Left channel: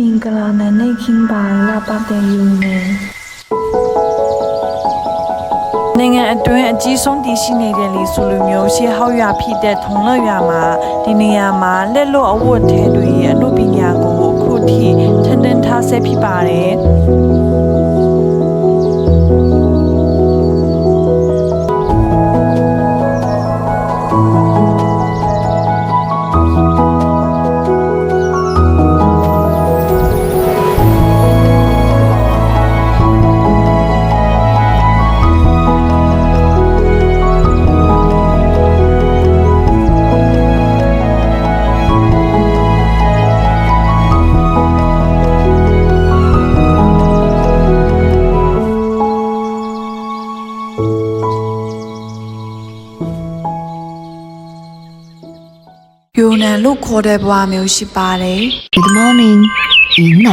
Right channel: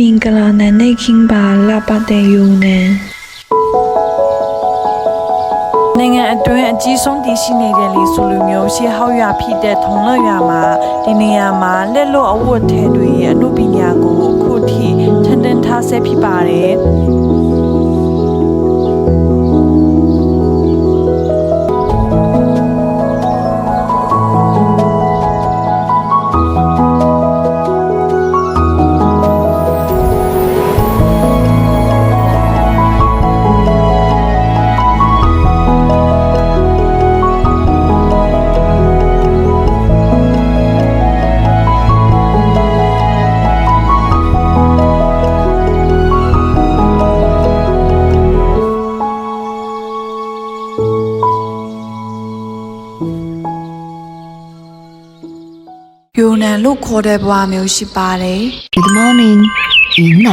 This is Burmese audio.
မင်္ဂလာနံနေခင်းပါလာပတဲ့ယုံနံနိုင်ငံအတွင်းအကြီးဆုံးတည်ရှိနေတဲ့လေဆိုလိုမျိုးရှေးဟောက်ရွာဖြစ်တဲ့ထုံ乐ရွာမှာဒီနေရာမှာလက်လွတ်အဝတ်ထဲတွေရဲ့အမှုပညာကိုအခုထိထန်ထန်ထားဆဲဖြစ်ပါတယ် ယူနန်လို့ခေါ်တဲ့ဘဝမျိုးရှိပါတယ် Good morning 云南